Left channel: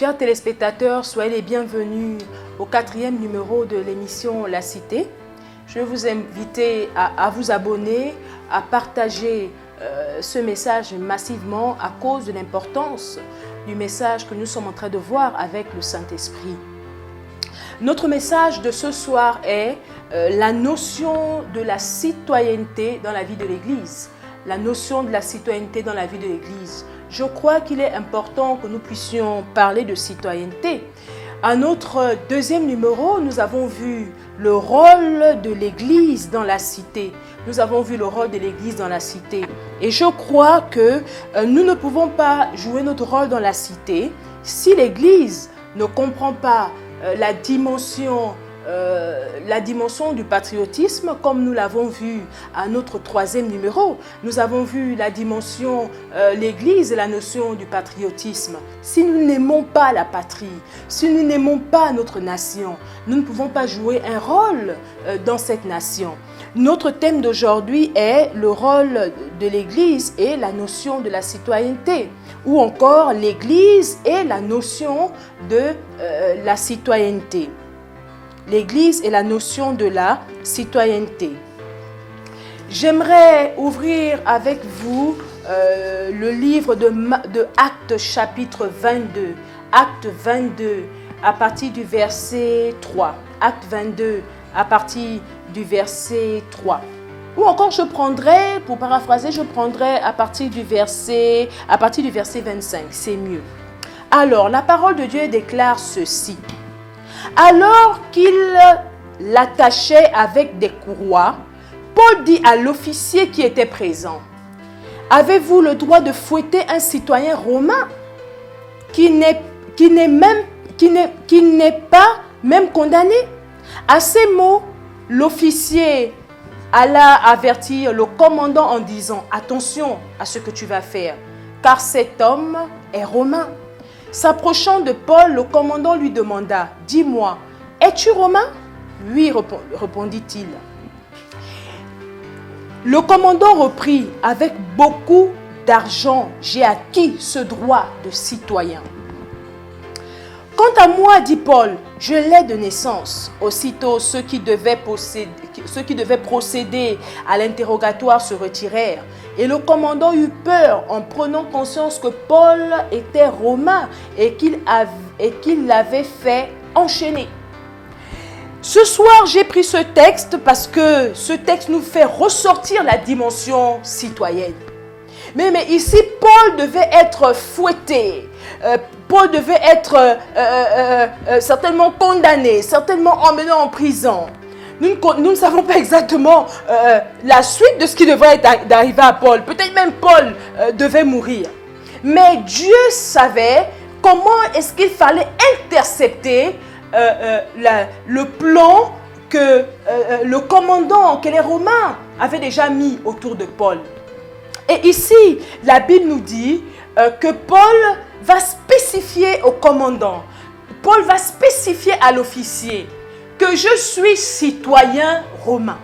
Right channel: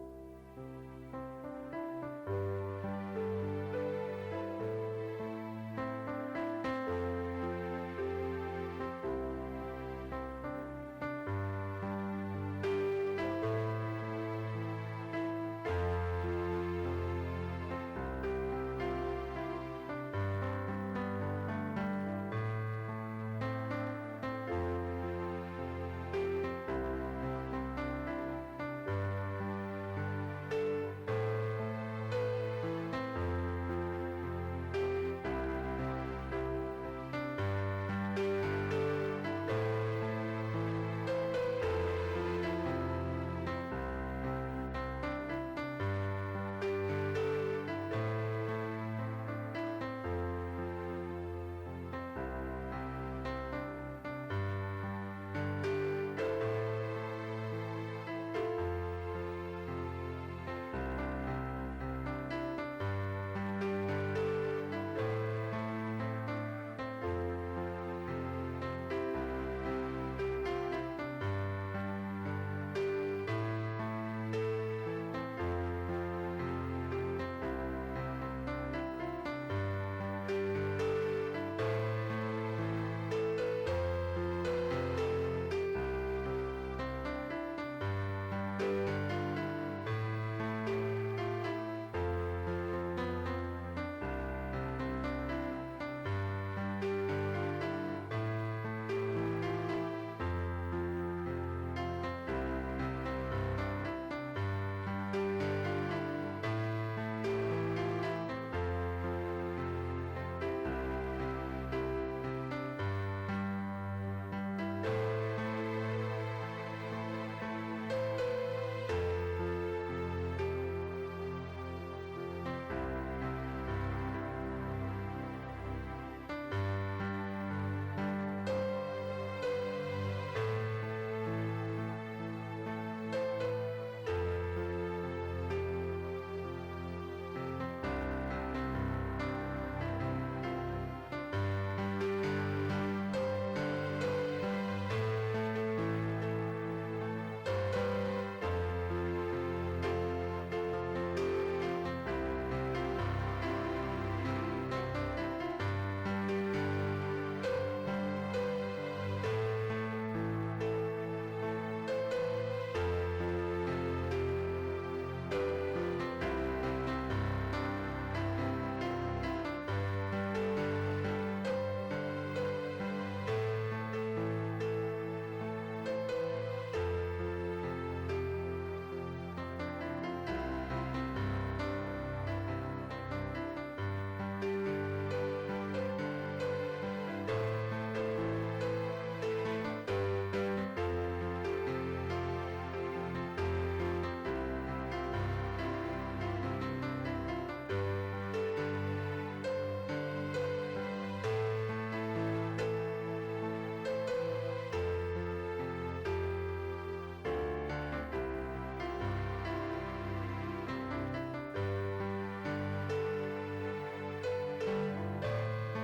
Chers téléspectateurs, soyez les bienvenus au 4e numéro de l'émission La Cité. Je vais vous inviter à vous abonner, à partager ce message massivement à cause de l'importance du message que nous sommes en train de voir avec le Saint-Esprit. Notre message de ce soir est la notion de la citoyenneté dans la vie de l'Église. La notion de la citoyenneté dans la vie de l'Église. Je crois qu'il est important que nous puissions parler de citoyenneté. À notre 2e numéro, nous avons vu le rôle de l'Église dans la cité. Nous avons vu le rôle de l'Église dans la cité. Et je crois que nous ne pouvons pas jouer notre rôle dans la cité si l'Église ne comprend pas la dimension du patriotisme, comme nous l'avons vu à notre 3e numéro. Nous avons vu la dimension, l'Église et la notion du patriotisme. Si nous n'aimons pas la patrie, si nous n'aimons pas notre nation, nous ne pouvons pas jouer un rôle dans cette nation. Notre thème d'aujourd'hui est le rôle de l'Église et la notion de la citoyenneté, ou encore l'Église et la notion de la citoyenneté. L'Église et la notion de la citoyenneté. J'aimerais ouvrir avec vous le livre de Actes chapitre 22. Acte 22 à partir du verset 3. Acte 22 à partir du verset 3. Ou encore je prendrai, pour paraphraser, je prendrai à partir du verset 25. C'est mieux. Alors, la parole de Dieu déclare ceci. Alors qu'il l'attachait avec des courroies, Paul dit à l'officier qui était présent, « Avez-vous le droit de fouetter un citoyen romain qui n'est pas même condamné ?» À ces mots, l'officier alla avertir le commandant en disant, « Attention à ce que tu vas faire, car cet homme est romain. » S'approchant de Paul, le commandant lui demanda, « Dis-moi, es-tu romain ?» « Oui, répondit-il. Le commandant reprit, « Avec beaucoup d'argent, j'ai acquis ce droit de citoyen. » « Quant à moi, dit Paul, je l'ai de naissance. » Aussitôt, ceux qui devaient procéder à l'interrogatoire se retirèrent. Et le commandant eut peur en prenant conscience que Paul était romain et qu'il l'avait fait enchaîner. Ce soir, j'ai pris ce texte parce que ce texte nous fait ressortir la dimension citoyenne. Mais ici, Paul devait être fouetté. Paul devait être certainement condamné, certainement emmené en prison. Nous ne savons pas exactement la suite de ce qui devrait arriver à Paul. Peut-être même Paul devait mourir. Mais Dieu savait comment est-ce qu'il fallait intercepter le plan que le commandant, que les Romains avaient déjà mis autour de Paul. Et ici, la Bible nous dit que Paul va spécifier au commandant, Paul va spécifier à l'officier que je suis citoyen romain.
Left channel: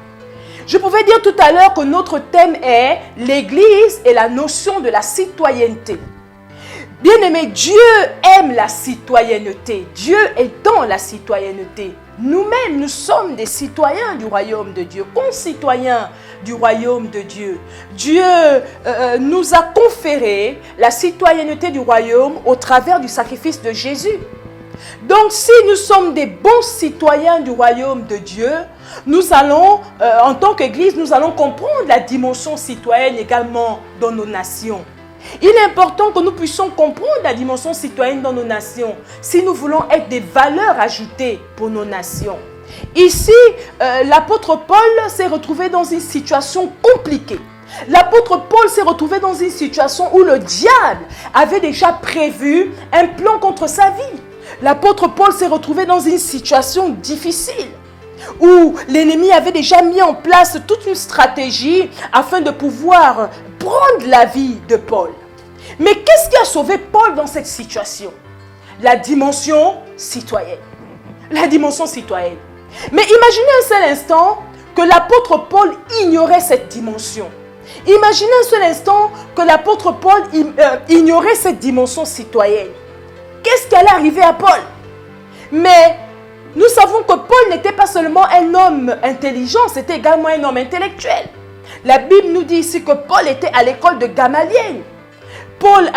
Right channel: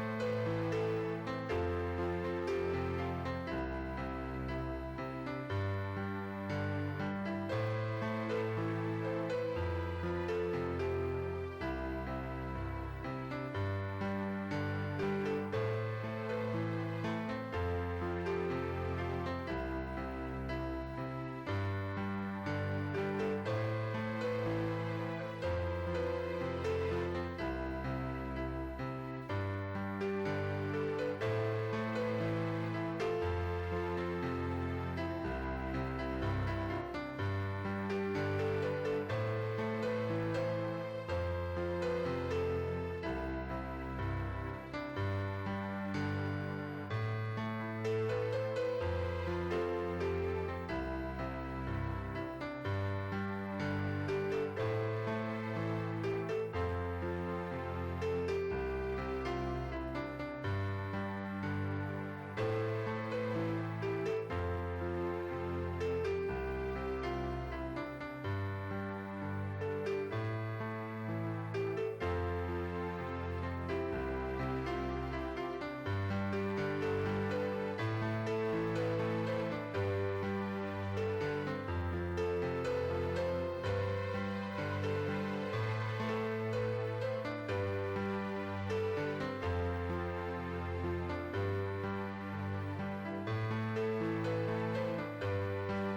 Je pouvais dire tout à l'heure que notre thème est l'Église et la notion de la citoyenneté. Bien-aimé, Dieu aime la citoyenneté. Dieu est dans la citoyenneté. Nous-mêmes, nous sommes des citoyens du royaume de Dieu, concitoyens du royaume de Dieu. Dieu nous a conféré la citoyenneté du royaume au travers du sacrifice de Jésus. Donc, si nous sommes des bons citoyens du royaume de Dieu, nous allons, en tant qu'Église, nous allons comprendre la dimension citoyenne également dans nos nations. Il est important que nous puissions comprendre la dimension citoyenne dans nos nations si nous voulons être des valeurs ajoutées pour nos nations. Ici, l'apôtre Paul s'est retrouvé dans une situation compliquée. L'apôtre Paul s'est retrouvé dans une situation où le diable avait déjà prévu un plan contre sa vie. L'apôtre Paul s'est retrouvé dans une situation difficile où l'ennemi avait déjà mis en place toute une stratégie afin de pouvoir prendre la vie de Paul. Mais qu'est-ce qui a sauvé Paul dans cette situation? La dimension citoyenne. La dimension citoyenne. Mais imaginez un seul instant que l'apôtre Paul ignorait cette dimension. Imaginez un seul instant que l'apôtre Paul ignorait cette dimension citoyenne. qu'est-ce qui allait arriver à Paul. Mais nous savons que Paul n'était pas seulement un homme intelligent, c'était également un homme intellectuel. La Bible nous dit ici que Paul était à l'école de Gamaliel. Paul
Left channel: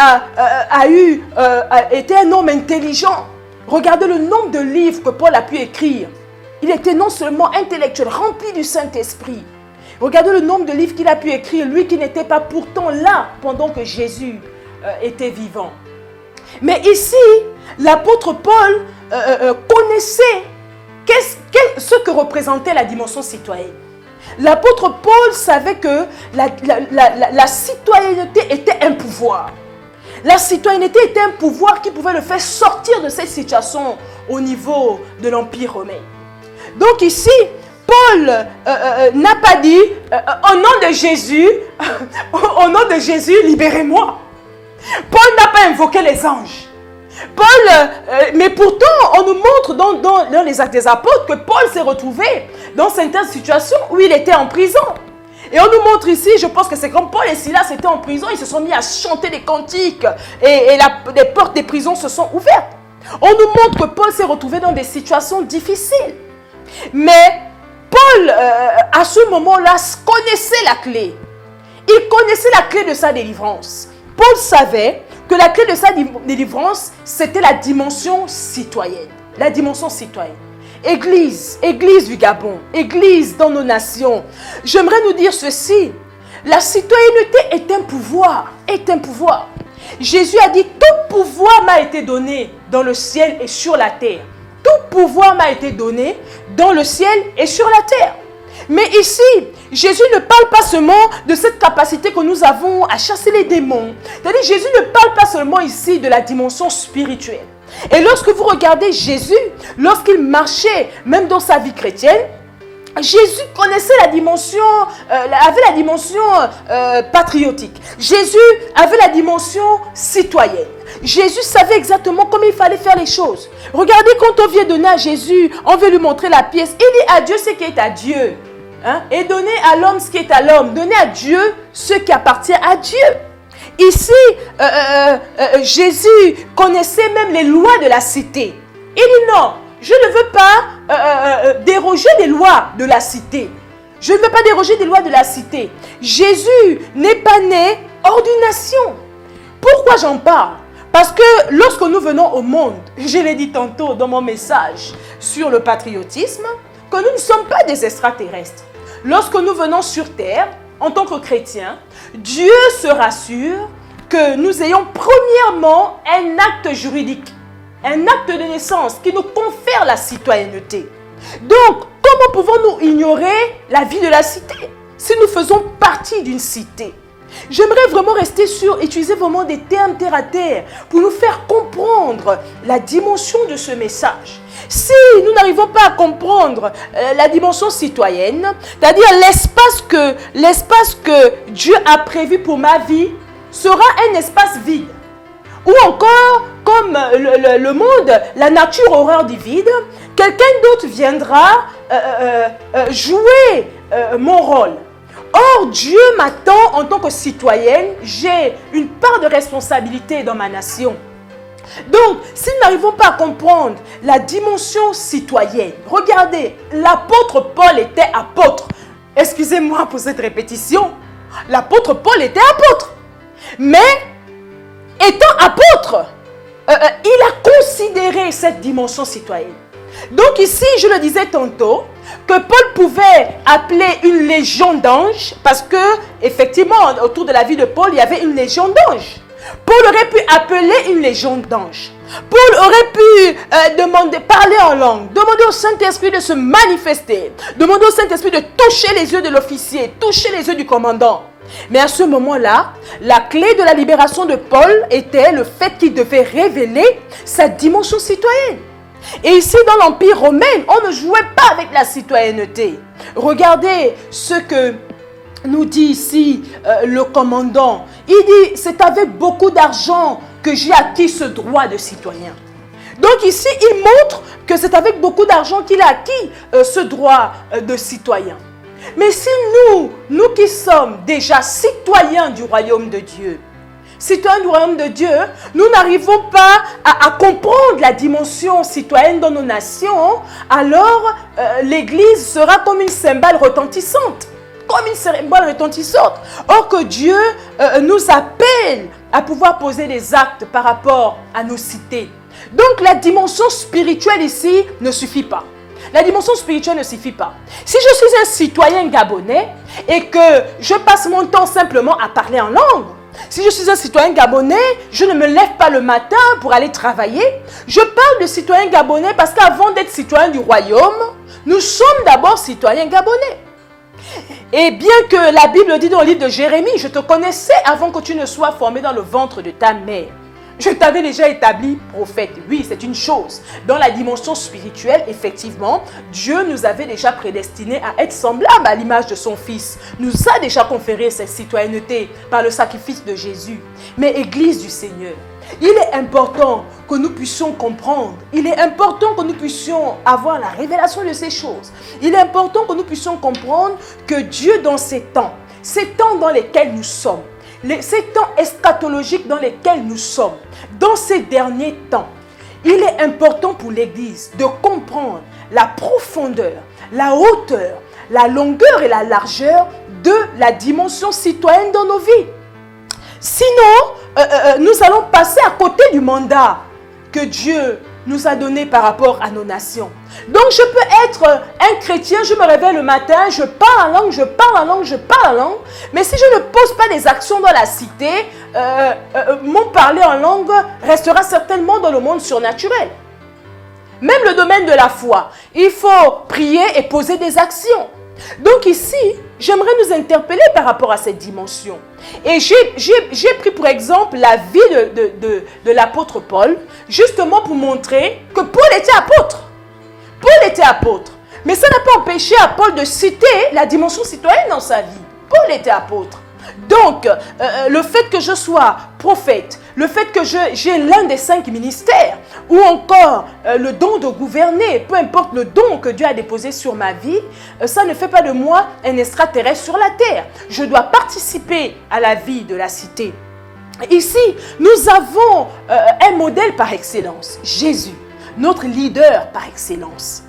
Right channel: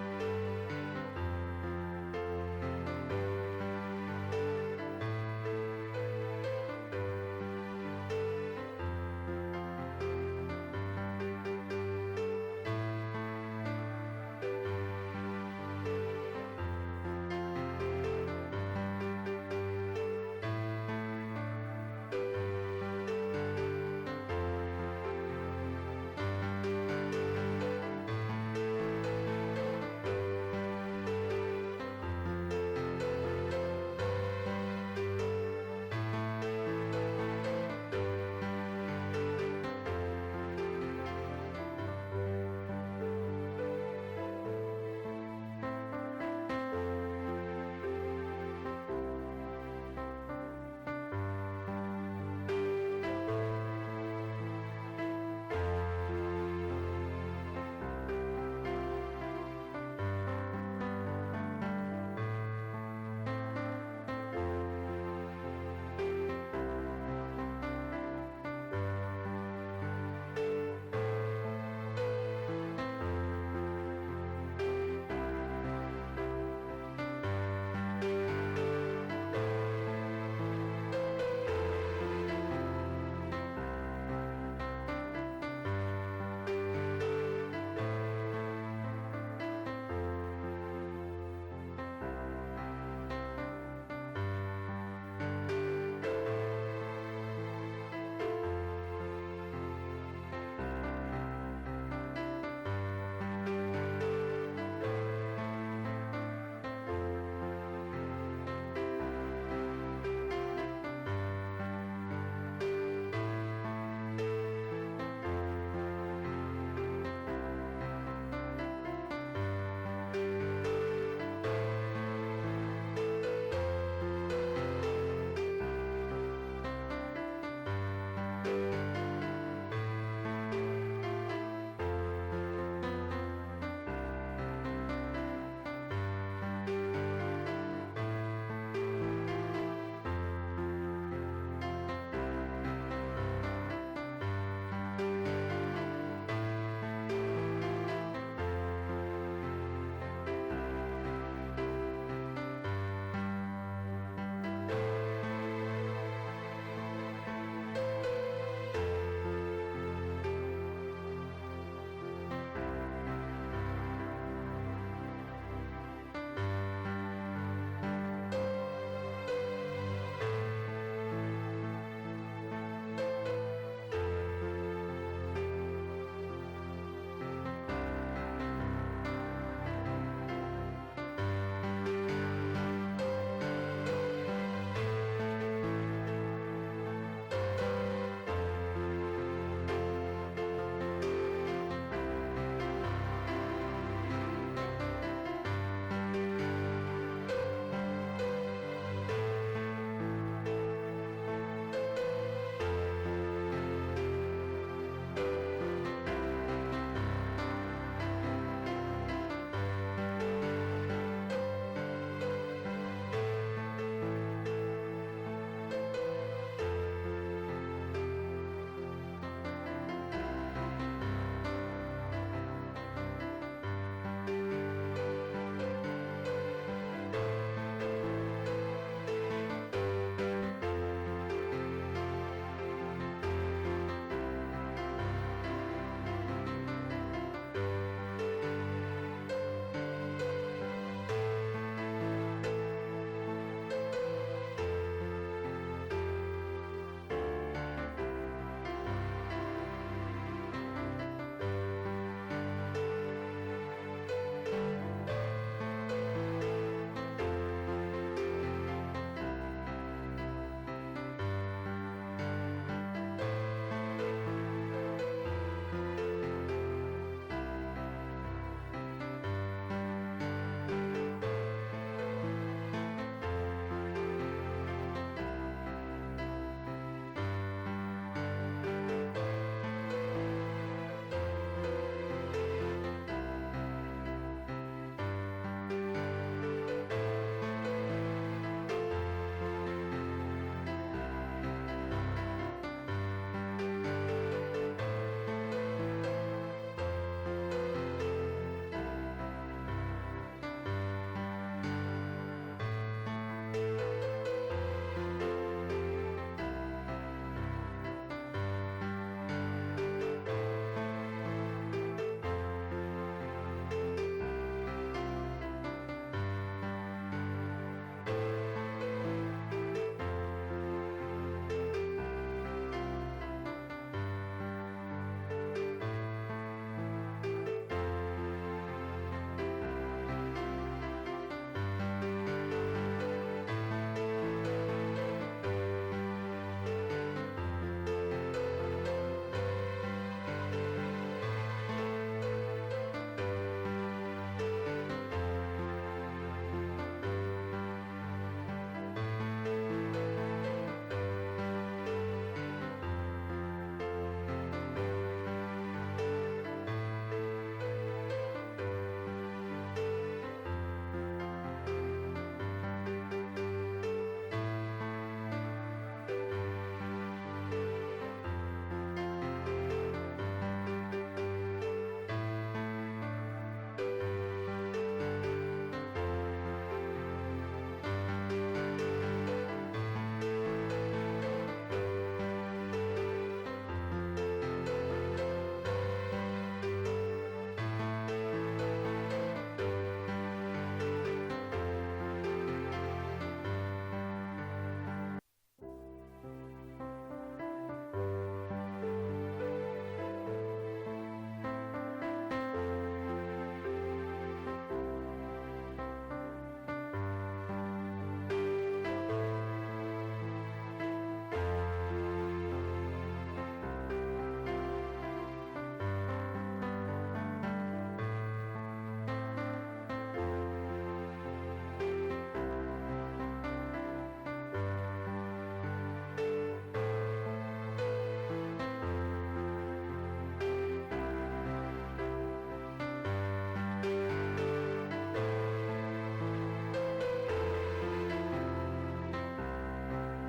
était un homme intelligent. Regardez le nombre de livres que Paul a pu écrire. Il était non seulement intellectuel, rempli du Saint-Esprit. Regardez le nombre de livres qu'il a pu écrire, lui qui n'était pas pourtant là pendant que Jésus était vivant. Mais ici, l'apôtre Paul connaissait ce que représentait la dimension citoyenne. L'apôtre Paul savait que la citoyenneté était un pouvoir. La citoyenneté était un pouvoir qui pouvait le faire sortir de cette situation au niveau de l'Empire romain. Donc ici, Paul n'a pas dit au nom de Jésus, au nom de Jésus, libérez-moi. Paul n'a pas invoqué les anges. Mais pourtant, on nous montre dans les Actes des Apôtres que Paul s'est retrouvé dans certaines situations où il était en prison. Et on nous montre ici, je pense que c'est comme Paul et Silas étaient en prison, ils se sont mis à chanter des cantiques et les portes des prisons se sont ouvertes. On nous montre que Paul s'est retrouvé dans des situations difficiles. Mais Paul, à ce moment-là, connaissait la clé. Il connaissait la clé de sa délivrance. Paul savait que la clé de sa délivrance, c'était la dimension citoyenne. La dimension citoyenne. Église du Gabon, Église dans nos nations. J'aimerais nous dire ceci. La citoyenneté est un pouvoir. Jésus a dit, tout pouvoir m'a été donné dans le ciel et sur la terre. Tout pouvoir m'a été donné dans le ciel et sur la terre. Mais ici, Jésus ne parle pas seulement de cette capacité que nous avons à chasser les démons. C'est-à-dire, Jésus ne parle pas seulement ici de la dimension spirituelle. Et lorsque vous regardez Jésus, lorsqu'il marchait, même dans sa vie chrétienne, Jésus connaissait la dimension, avait la dimension patriotique. Jésus avait la dimension citoyenne. Jésus savait exactement comment il fallait faire les choses. Regardez, quand on vient donner à Jésus, on veut lui montrer la pièce. Il dit à Dieu ce qui est à Dieu. Hein? Et donner à l'homme ce qui est à l'homme. Donner à Dieu ce qui appartient à Dieu. Ici, Jésus connaissait même les lois de la cité. Il dit non, je ne veux pas déroger des lois de la cité. Je ne veux pas déroger des lois de la cité. Jésus n'est pas né hors d'une nation. Pourquoi j'en parle? Parce que lorsque nous venons au monde, je l'ai dit tantôt dans mon message sur le patriotisme, que nous ne sommes pas des extraterrestres. Lorsque nous venons sur terre, en tant que chrétiens, Dieu se rassure que nous ayons premièrement un acte juridique, un acte de naissance qui nous confère la citoyenneté. Donc, comment pouvons-nous ignorer la vie de la cité si nous faisons partie d'une cité? J'aimerais vraiment utiliser vraiment des termes terre à terre pour nous faire comprendre la dimension de ce message. Si nous n'arrivons pas à comprendre la dimension citoyenne, c'est-à-dire l'espace que Dieu a prévu pour ma vie sera un espace vide. Ou encore, comme le monde, la nature horreur du vide, quelqu'un d'autre viendra jouer mon rôle. Or, Dieu m'attend en tant que citoyenne, j'ai une part de responsabilité dans ma nation. Donc, si nous n'arrivons pas à comprendre la dimension citoyenne, regardez, l'apôtre Paul était apôtre. Excusez-moi pour cette répétition, l'apôtre Paul était apôtre. Mais, étant apôtre, il a considéré cette dimension citoyenne. Donc ici, je le disais tantôt, que Paul pouvait appeler une légion d'anges, parce que, effectivement, autour de la vie de Paul, il y avait une légion d'anges. Paul aurait pu appeler une légion d'anges. Paul aurait pu parler en langue, demander au Saint-Esprit de se manifester, demander au Saint-Esprit de toucher les yeux de l'officier, toucher les yeux du commandant. Mais à ce moment-là, la clé de la libération de Paul était le fait qu'il devait révéler sa dimension citoyenne. Et ici, dans l'Empire romain, on ne jouait pas avec la citoyenneté. Regardez ce que nous dit ici le commandant. Il dit, c'est avec beaucoup d'argent que j'ai acquis ce droit de citoyen. Donc ici, il montre que c'est avec beaucoup d'argent qu'il a acquis ce droit de citoyen. Mais si nous qui sommes déjà citoyens du royaume de Dieu, citoyens du royaume de Dieu, nous n'arrivons pas à comprendre la dimension citoyenne dans nos nations, alors l'Église sera comme une cymbale retentissante. Comme une cymbale retentissante. Or que Dieu nous appelle à pouvoir poser des actes par rapport à nos cités. Donc la dimension spirituelle ici ne suffit pas. La dimension spirituelle ne suffit pas. Si je suis un citoyen gabonais et que je passe mon temps simplement à parler en langue, si je suis un citoyen gabonais, je ne me lève pas le matin pour aller travailler. Je parle de citoyen gabonais parce qu'avant d'être citoyen du royaume, nous sommes d'abord citoyens gabonais. Et bien que la Bible dit dans le livre de Jérémie, je te connaissais avant que tu ne sois formé dans le ventre de ta mère. Je t'avais déjà établi prophète. Oui, c'est une chose. Dans la dimension spirituelle, effectivement, Dieu nous avait déjà prédestinés à être semblables à l'image de son Fils. Nous a déjà conféré cette citoyenneté par le sacrifice de Jésus. Mais Église du Seigneur, il est important que nous puissions comprendre. Il est important que nous puissions avoir la révélation de ces choses. Il est important que nous puissions comprendre que Dieu, dans ces temps dans lesquels nous sommes, ces temps eschatologiques dans lesquels nous sommes, dans ces derniers temps, il est important pour l'Église de comprendre la profondeur, la hauteur, la longueur et la largeur de la dimension citoyenne dans nos vies. Sinon, nous allons passer à côté du mandat que Dieu nous a donné par rapport à nos nations. Donc, je peux être un chrétien, je me réveille le matin, je parle en langue, je parle en langue, je parle en langue. Mais si je ne pose pas des actions dans la cité, mon parler en langue restera certainement dans le monde surnaturel. Même le domaine de la foi, il faut prier et poser des actions. Donc ici, j'aimerais nous interpeller par rapport à cette dimension. Et j'ai pris pour exemple la vie de l'apôtre Paul, justement pour montrer que Paul était apôtre. Paul était apôtre. Mais ça n'a pas empêché à Paul de citer la dimension citoyenne dans sa vie. Paul était apôtre. Donc, le fait que je sois prophète, le fait que j'ai l'un des 5 ministères, ou encore le don de gouverner, peu importe le don que Dieu a déposé sur ma vie, ça ne fait pas de moi un extraterrestre sur la terre. Je dois participer à la vie de la cité. Ici, nous avons un modèle par excellence, Jésus, notre leader par excellence.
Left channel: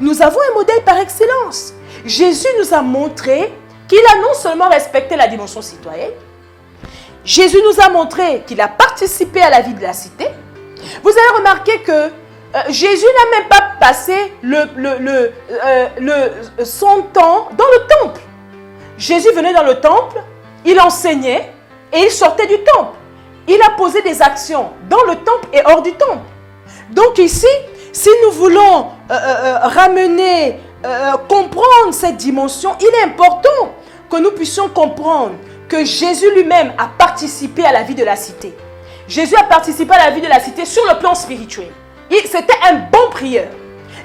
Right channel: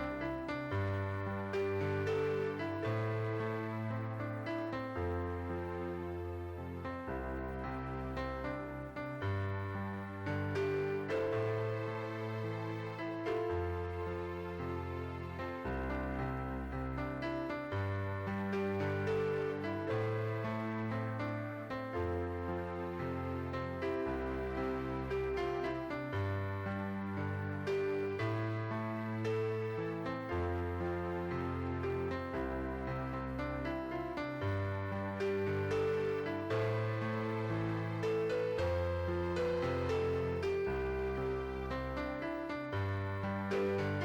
Nous avons un modèle par excellence. Jésus nous a montré qu'il a non seulement respecté la dimension citoyenne, Jésus nous a montré qu'il a participé à la vie de la cité. Vous avez remarqué que Jésus n'a même pas passé son temps dans le temple. Jésus venait dans le temple, il enseignait et il sortait du temple. Il a posé des actions dans le temple et hors du temple. Donc ici, si nous voulons ramener, comprendre cette dimension, il est important que nous puissions comprendre que Jésus lui-même a participé à la vie de la cité. Jésus a participé à la vie de la cité sur le plan spirituel. C'était un bon prieur.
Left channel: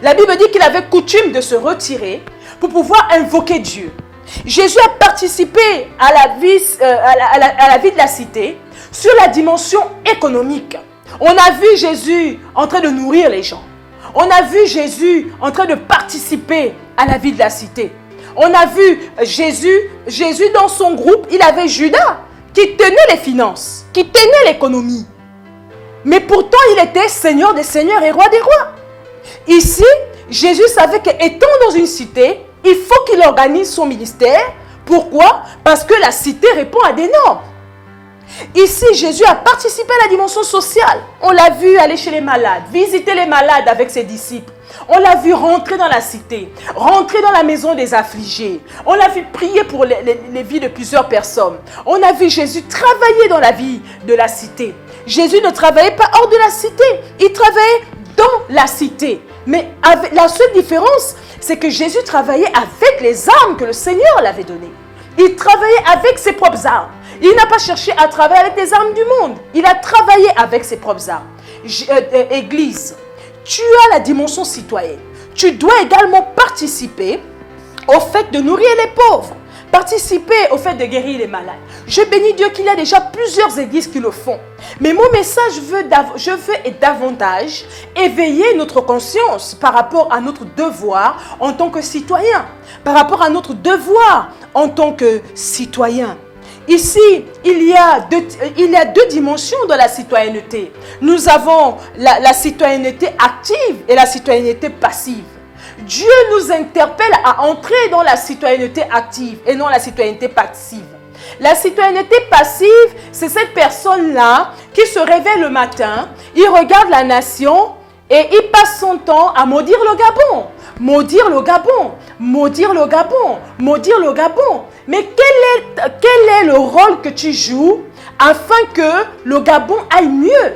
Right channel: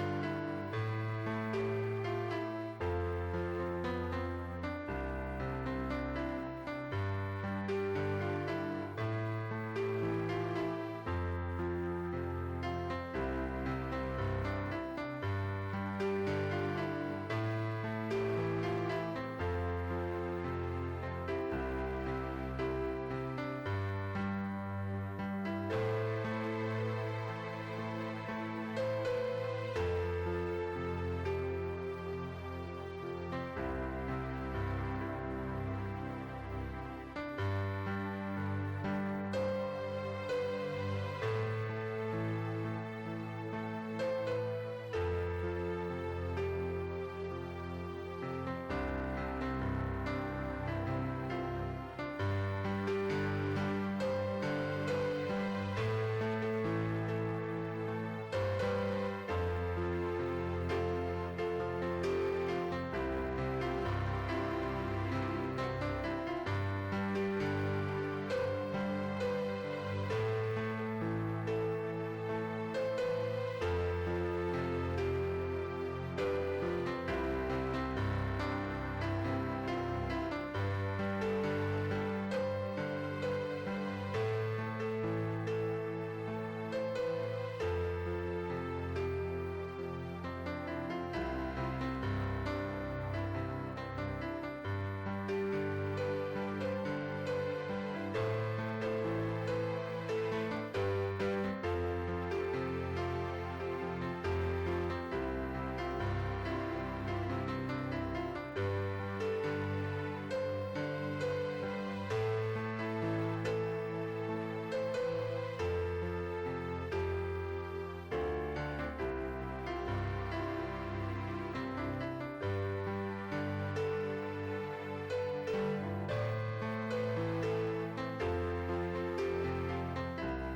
La Bible dit qu'il avait coutume de se retirer pour pouvoir invoquer Dieu. Jésus a participé à la vie de la cité sur la dimension économique. On a vu Jésus en train de nourrir les gens. On a vu Jésus en train de participer à la vie de la cité. On a vu Jésus dans son groupe, il avait Judas qui tenait les finances, qui tenait l'économie. Mais pourtant, il était Seigneur des seigneurs et Roi des rois. Ici, Jésus savait qu'étant dans une cité, il faut qu'il organise son ministère. Pourquoi? Parce que la cité répond à des normes. Ici, Jésus a participé à la dimension sociale. On l'a vu aller chez les malades, visiter les malades avec ses disciples. On l'a vu rentrer dans la cité, rentrer dans la maison des affligés. On l'a vu prier pour les vies de plusieurs personnes. On a vu Jésus travailler dans la vie de la cité. Jésus ne travaillait pas hors de la cité, il travaillait dans la cité. Mais la seule différence, c'est que Jésus travaillait avec les armes que le Seigneur l'avait données. Il travaillait avec ses propres armes. Il n'a pas cherché à travailler avec les armes du monde. Il a travaillé avec ses propres armes. Église, tu as la dimension citoyenne. Tu dois également participer au fait de nourrir les pauvres. Participer au fait de guérir les malades. Je bénis Dieu qu'il y a déjà plusieurs églises qui le font. Mais mon message, je veux davantage éveiller notre conscience par rapport à notre devoir en tant que citoyen. Par rapport à notre devoir en tant que citoyen. ici, il y a deux dimensions de la citoyenneté. Nous avons la citoyenneté active et la citoyenneté passive. Dieu nous interpelle à entrer dans la citoyenneté active et non la citoyenneté passive. La citoyenneté passive, c'est cette personne-là qui se réveille le matin, il regarde la nation et il passe son temps à maudire le Gabon. Maudire le Gabon, maudire le Gabon, maudire le Gabon. Mais quel est le rôle que tu joues afin que le Gabon aille mieux?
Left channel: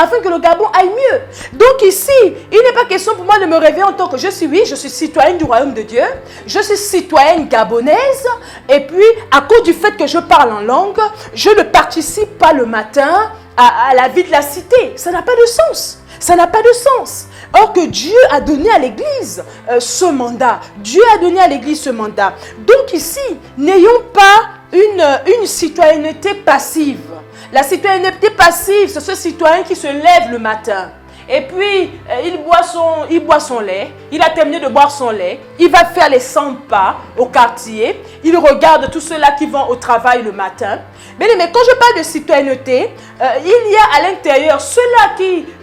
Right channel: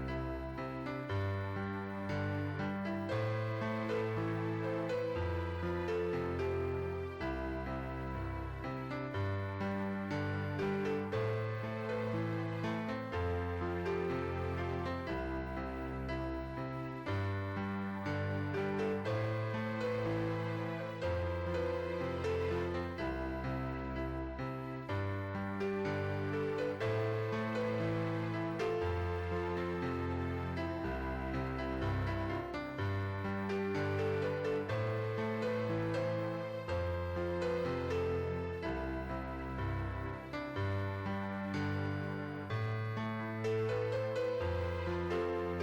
Afin que le Gabon aille mieux. Donc ici, il n'est pas question pour moi de me réveiller en tant que je suis citoyenne du royaume de Dieu, je suis citoyenne gabonaise, et puis à cause du fait que je parle en langue, je ne participe pas le matin à la vie de la cité. Ça n'a pas de sens. Ça n'a pas de sens. Or que Dieu a donné à l'Église ce mandat. Dieu a donné à l'Église ce mandat. Donc ici, n'ayons pas une citoyenneté passive. La citoyenneté passive, c'est ce citoyen qui se lève le matin. Et puis, il boit son lait. Il a terminé de boire son lait. Il va faire les 100 pas au quartier. Il regarde tous ceux-là qui vont au travail le matin. Mais quand je parle de citoyenneté, il y a à l'intérieur ceux-là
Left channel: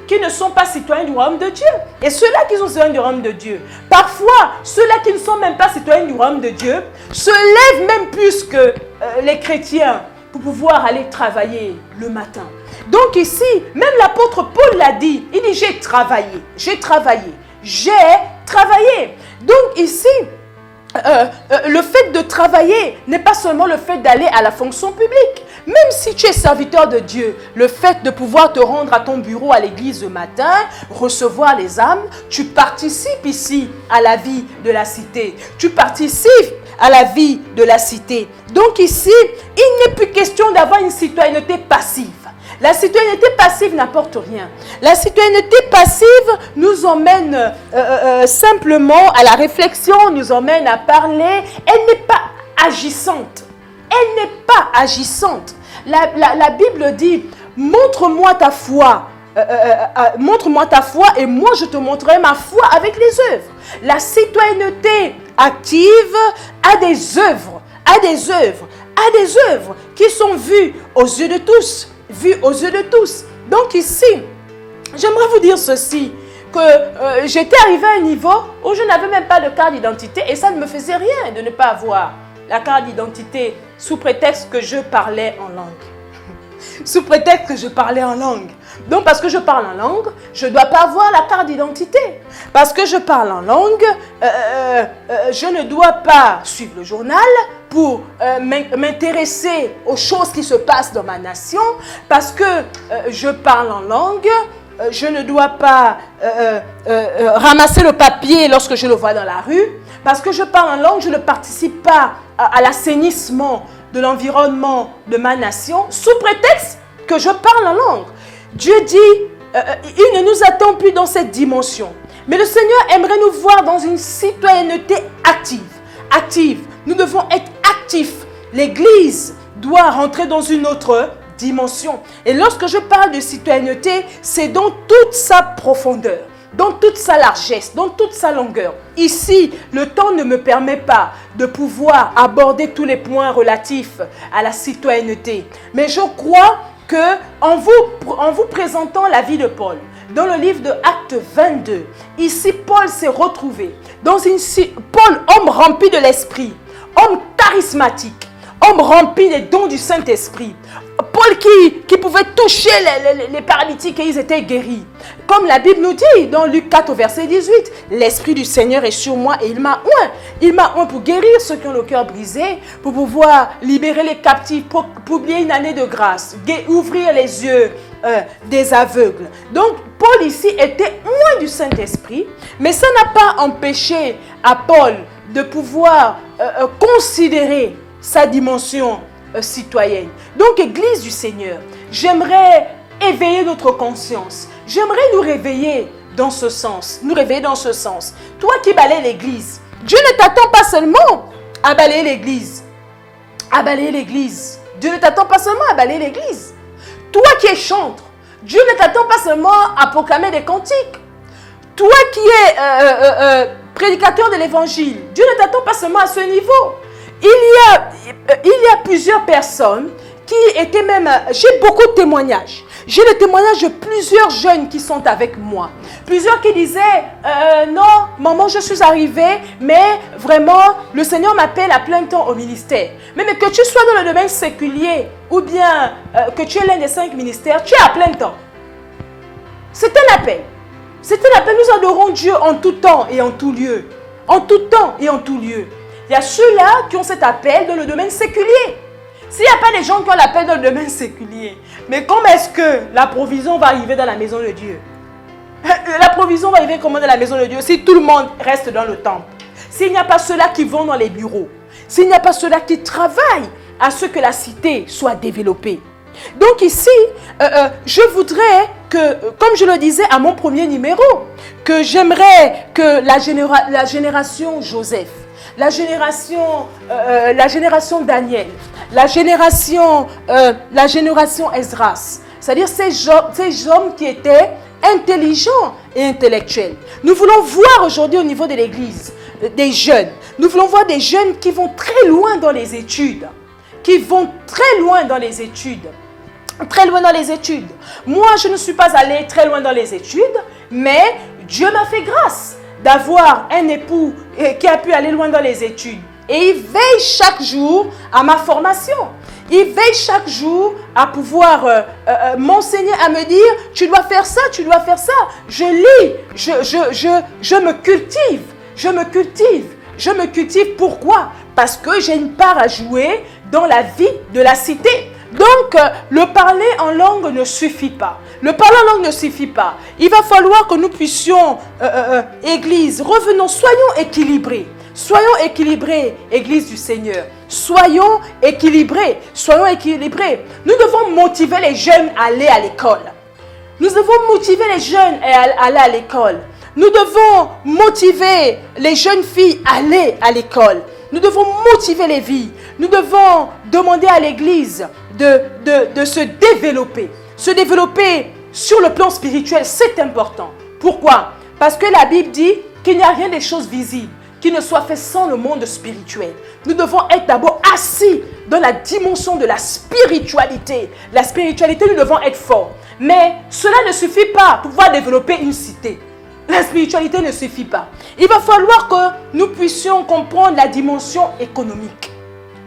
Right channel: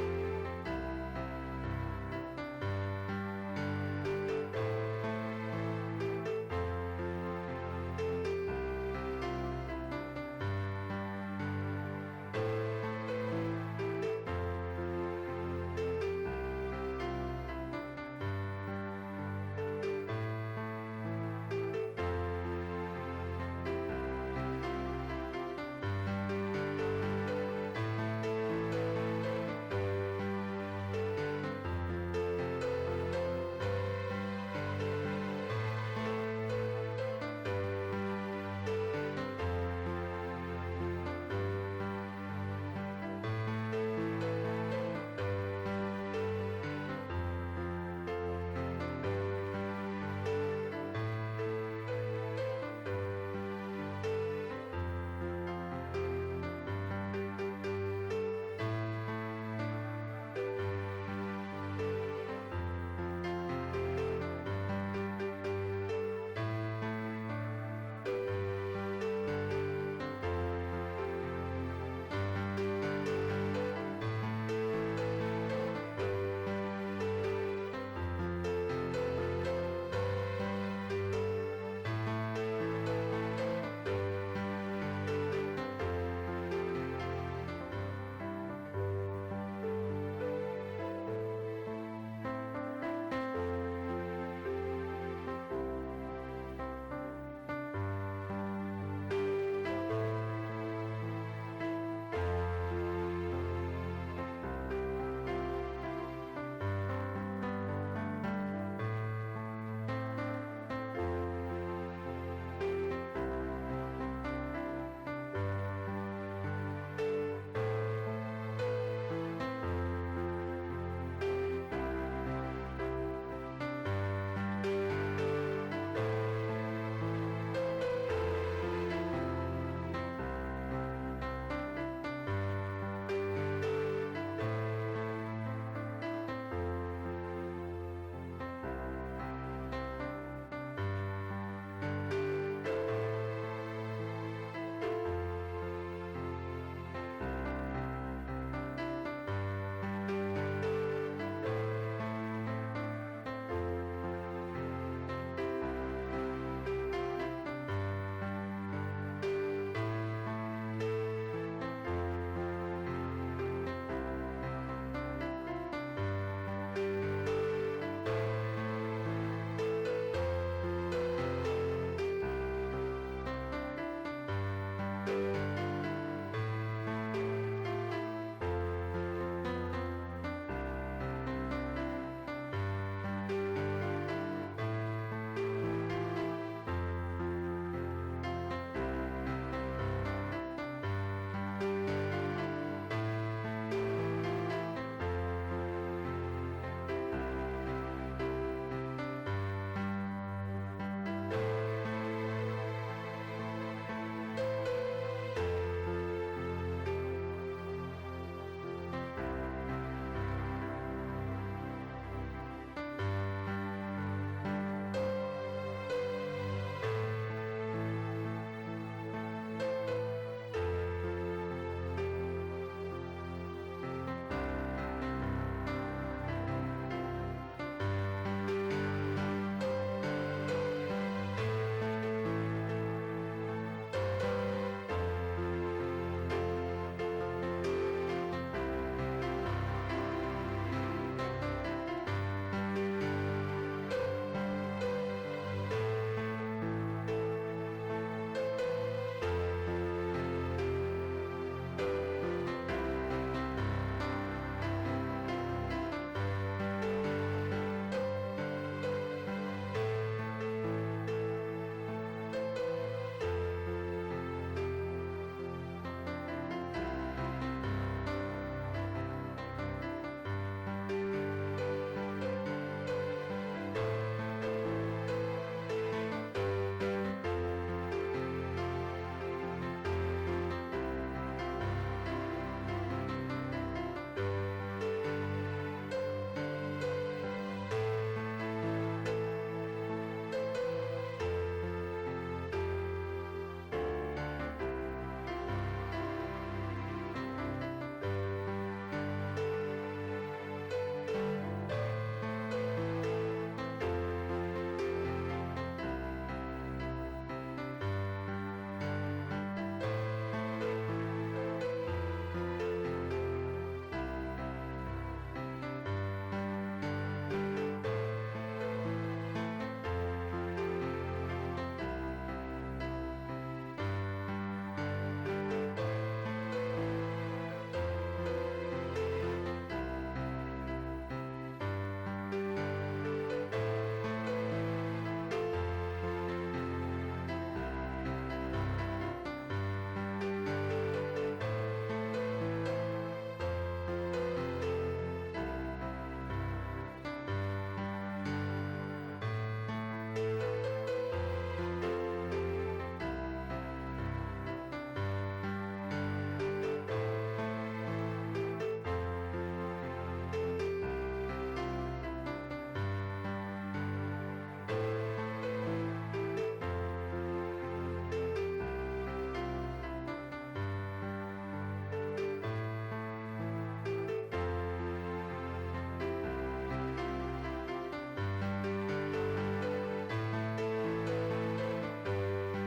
qui ne sont pas citoyens du royaume de Dieu. Et ceux-là qui sont citoyens du royaume de Dieu. Parfois, ceux-là qui ne sont même pas citoyens du royaume de Dieu se lèvent même plus que les chrétiens pour pouvoir aller travailler le matin. Donc ici, même l'apôtre Paul l'a dit, il dit j'ai travaillé. Donc ici, le fait de travailler n'est pas seulement le fait d'aller à la fonction publique. Même si tu es serviteur de Dieu, le fait de pouvoir te rendre à ton bureau à l'église le matin, recevoir les âmes, tu participes ici à la vie de la cité. Tu participes à la vie de la cité. Donc ici, il n'est plus question d'avoir une citoyenneté passive. La citoyenneté passive n'apporte rien. La citoyenneté passive nous emmène simplement à la réflexion, nous emmène à parler. Elle n'est pas agissante. Elle n'est pas agissante. La Bible dit, montre-moi ta foi. Montre-moi ta foi et moi je te montrerai ma foi avec les œuvres. La citoyenneté active a des œuvres, qui sont vues aux yeux de tous. Donc ici, j'aimerais vous dire ceci, que j'étais arrivée à un niveau où je n'avais même pas de carte d'identité et ça ne me faisait rien de ne pas avoir la carte d'identité sous prétexte que je parlais en langue. Donc parce que je parle en langue, je ne dois pas avoir la carte d'identité. Parce que je parle en langue, je ne dois pas suivre le journal pour m'intéresser aux choses qui se passent dans ma nation. Parce que je parle en langue, je ne dois pas ramasser le papier lorsque je le vois dans la rue. Parce que je parle en langue, je ne participe pas à l'assainissement de l'environnement de ma nation sous prétexte que je parle en langue. Dieu dit, il ne nous attend plus dans cette dimension. Mais le Seigneur aimerait nous voir dans une citoyenneté active. Nous devons être actifs. L'Église doit rentrer dans une autre dimension. Et lorsque je parle de citoyenneté, c'est dans toute sa profondeur, dans toute sa largesse, dans toute sa longueur. Ici, le temps ne me permet pas de pouvoir aborder tous les points relatifs à la citoyenneté. Mais je crois qu'en vous présentant la vie de Paul, dans le livre de Actes 22, ici Paul s'est retrouvé dans Paul, homme rempli de l'esprit, homme charismatique, homme rempli des dons du Saint-Esprit. Paul qui pouvait toucher les paralytiques et ils étaient guéris. Comme la Bible nous dit dans Luc 4 au verset 18, l'Esprit du Seigneur est sur moi et il m'a oint. Il m'a oint pour guérir ceux qui ont le cœur brisé, pour pouvoir libérer les captifs, pour publier une année de grâce, ouvrir les yeux des aveugles. Donc Paul ici était oint du Saint-Esprit, mais ça n'a pas empêché à Paul de pouvoir considérer sa dimension citoyenne. Donc, Église du Seigneur, j'aimerais éveiller notre conscience. J'aimerais nous réveiller dans ce sens. Toi qui balaies l'église, Dieu ne t'attend pas seulement à balayer l'église. Dieu ne t'attend pas seulement à balayer l'église. Toi qui es chantre, Dieu ne t'attend pas seulement à proclamer des cantiques. Toi qui es prédicateur de l'évangile, Dieu ne t'attend pas seulement à ce niveau. il y a plusieurs personnes qui étaient même... J'ai beaucoup de témoignages. J'ai le témoignage de plusieurs jeunes qui sont avec moi. Plusieurs qui disaient, non, maman, je suis arrivée, mais vraiment, le Seigneur m'appelle à plein temps au ministère. Mais que tu sois dans le domaine séculier ou bien que tu es l'un des 5 ministères, tu es à plein temps. C'est un appel. C'est un appel. Nous adorons Dieu en tout temps et en tout lieu. En tout temps et en tout lieu. Il y a ceux-là qui ont cet appel dans le domaine séculier. S'il n'y a pas des gens qui ont l'appel dans le domaine séculier, mais comment est-ce que la provision va arriver dans la maison de Dieu? La provision va arriver comment dans la maison de Dieu si tout le monde reste dans le temple? S'il n'y a pas ceux-là qui vont dans les bureaux, s'il n'y a pas ceux-là qui travaillent à ce que la cité soit développée. Donc ici, je voudrais que, comme je le disais à mon premier numéro, que j'aimerais que la génération Joseph, la génération Daniel, la génération Esdras, c'est-à-dire ces hommes qui étaient intelligents et intellectuels. Nous voulons voir aujourd'hui au niveau de l'Église des jeunes. Nous voulons voir des jeunes qui vont très loin dans les études. Très loin dans les études. Moi, je ne suis pas allée très loin dans les études, mais Dieu m'a fait grâce d'avoir un époux qui a pu aller loin dans les études. Et il veille chaque jour à ma formation. Il veille chaque jour à pouvoir m'enseigner, à me dire, tu dois faire ça, tu dois faire ça. Je lis, je me cultive, je me cultive. Pourquoi? Parce que j'ai une part à jouer dans la vie de la cité. Donc, le parler en langue ne suffit pas. Le parler en langue ne suffit pas. Il va falloir que nous puissions, Église, revenons, soyons équilibrés. Soyons équilibrés, Église du Seigneur. Soyons équilibrés. Nous devons motiver les jeunes à aller à l'école. Nous devons motiver les jeunes à aller à l'école. Nous devons motiver les jeunes filles à aller à l'école. Nous devons motiver les filles. Nous devons demander à l'Église de se développer. Se développer sur le plan spirituel, c'est important. Pourquoi? Parce que la Bible dit qu'il n'y a rien des choses visibles qui ne soit fait sans le monde spirituel. Nous devons être d'abord assis dans la dimension de la spiritualité. La spiritualité, nous devons être forts. Mais cela ne suffit pas pour pouvoir développer une cité. La spiritualité ne suffit pas. Il va falloir que nous puissions comprendre la dimension économique.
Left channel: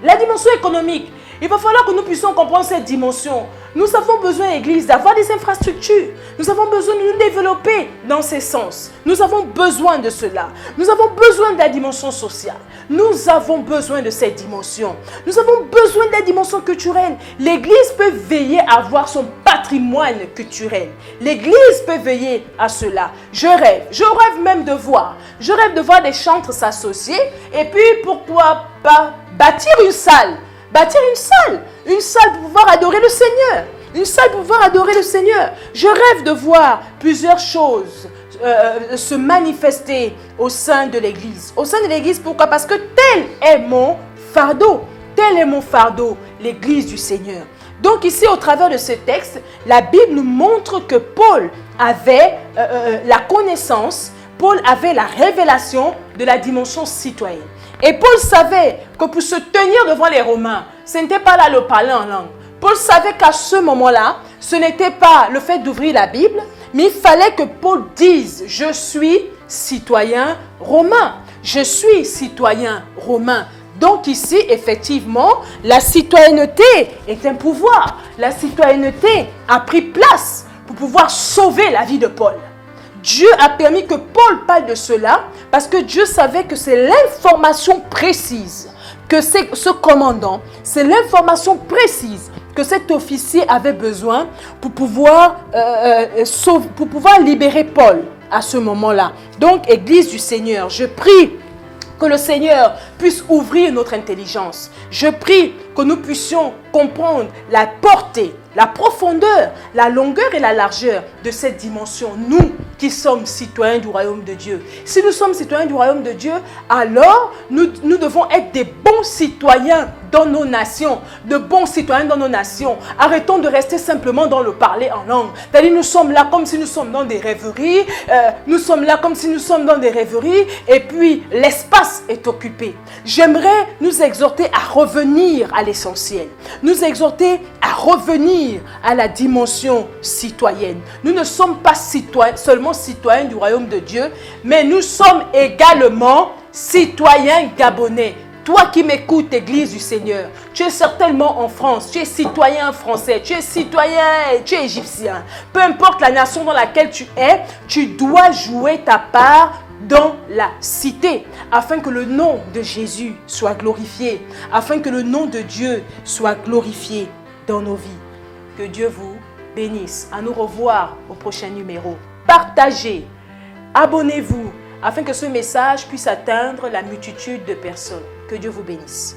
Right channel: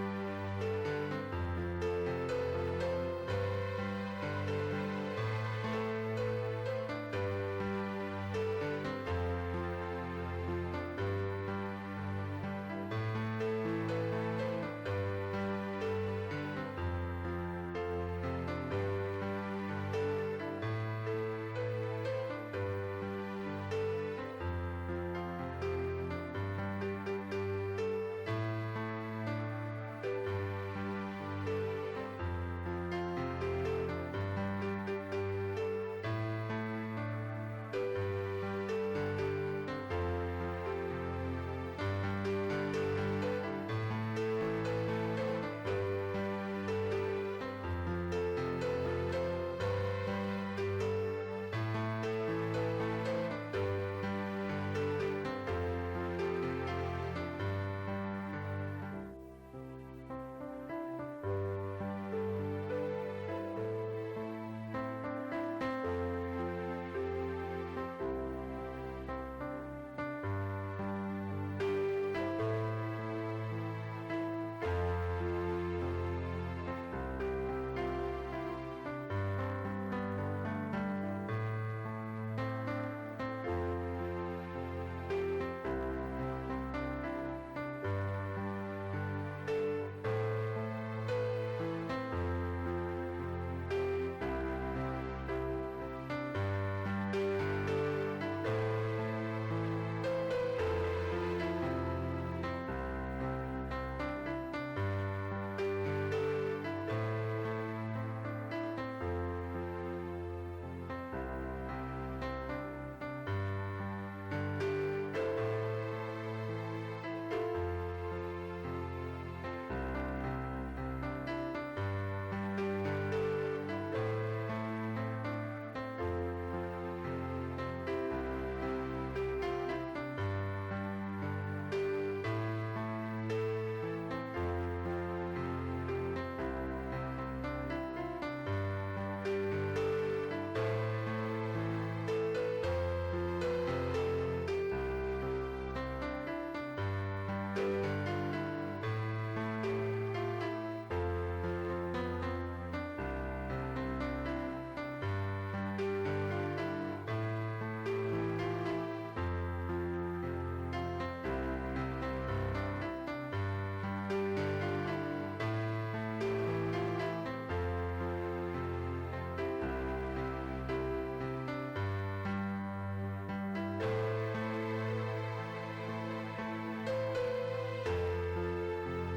La dimension économique, il va falloir que nous puissions comprendre cette dimension. Nous avons besoin, Église, d'avoir des infrastructures. Nous avons besoin de nous développer dans ces sens. Nous avons besoin de cela. Nous avons besoin de la dimension sociale. Nous avons besoin de cette dimension. Nous avons besoin de la dimension culturelle. L'Église peut veiller à avoir son patrimoine culturel. L'Église peut veiller à cela. Je rêve même de voir. Je rêve de voir des chantres s'associer. Et puis, pourquoi pas bâtir une salle. Une salle pour pouvoir adorer le Seigneur. Une salle pour pouvoir adorer le Seigneur. Je rêve de voir plusieurs choses se manifester au sein de l'Église. Au sein de l'Église, pourquoi? Parce que tel est mon fardeau. L'Église du Seigneur. Donc ici, au travers de ce texte, la Bible nous montre que Paul avait la connaissance, Paul avait la révélation de la dimension citoyenne. Et Paul savait que pour se tenir devant les Romains, ce n'était pas là le parler en langue. Paul savait qu'à ce moment-là, ce n'était pas le fait d'ouvrir la Bible, mais il fallait que Paul dise « Je suis citoyen romain ». Je suis citoyen romain. Donc ici, effectivement, la citoyenneté est un pouvoir. La citoyenneté a pris place pour pouvoir sauver la vie de Paul. Dieu a permis que Paul parle de cela parce que Dieu savait que c'est l'information précise que ce commandant, c'est l'information précise que cet officier avait besoin pour pouvoir libérer Paul à ce moment-là. Donc, Église du Seigneur, je prie que le Seigneur puisse ouvrir notre intelligence. Je prie que nous puissions comprendre la portée, la profondeur, la longueur et la largeur de cette dimension. Nous qui sommes citoyens du royaume de Dieu. Si nous sommes citoyens du royaume de Dieu, alors nous devons être des bons citoyens dans nos nations, de bons citoyens dans nos nations. Arrêtons de rester simplement dans le parler en langue. C'est-à-dire, nous sommes là comme si nous sommes dans des rêveries, et puis l'espace est occupé. J'aimerais nous exhorter à revenir à l'essentiel, nous exhorter à revenir à la dimension citoyenne. Nous ne sommes pas seulement citoyens du royaume de Dieu, mais nous sommes également citoyens gabonais. Toi qui m'écoutes, Église du Seigneur, tu es certainement en France, tu es citoyen français, tu es citoyen, tu es égyptien. Peu importe la nation dans laquelle tu es, tu dois jouer ta part dans la cité, afin que le nom de Jésus soit glorifié, afin que le nom de Dieu soit glorifié dans nos vies. Que Dieu vous bénisse. À nous revoir au prochain numéro. Partagez, abonnez-vous, afin que ce message puisse atteindre la multitude de personnes. Que Dieu vous bénisse.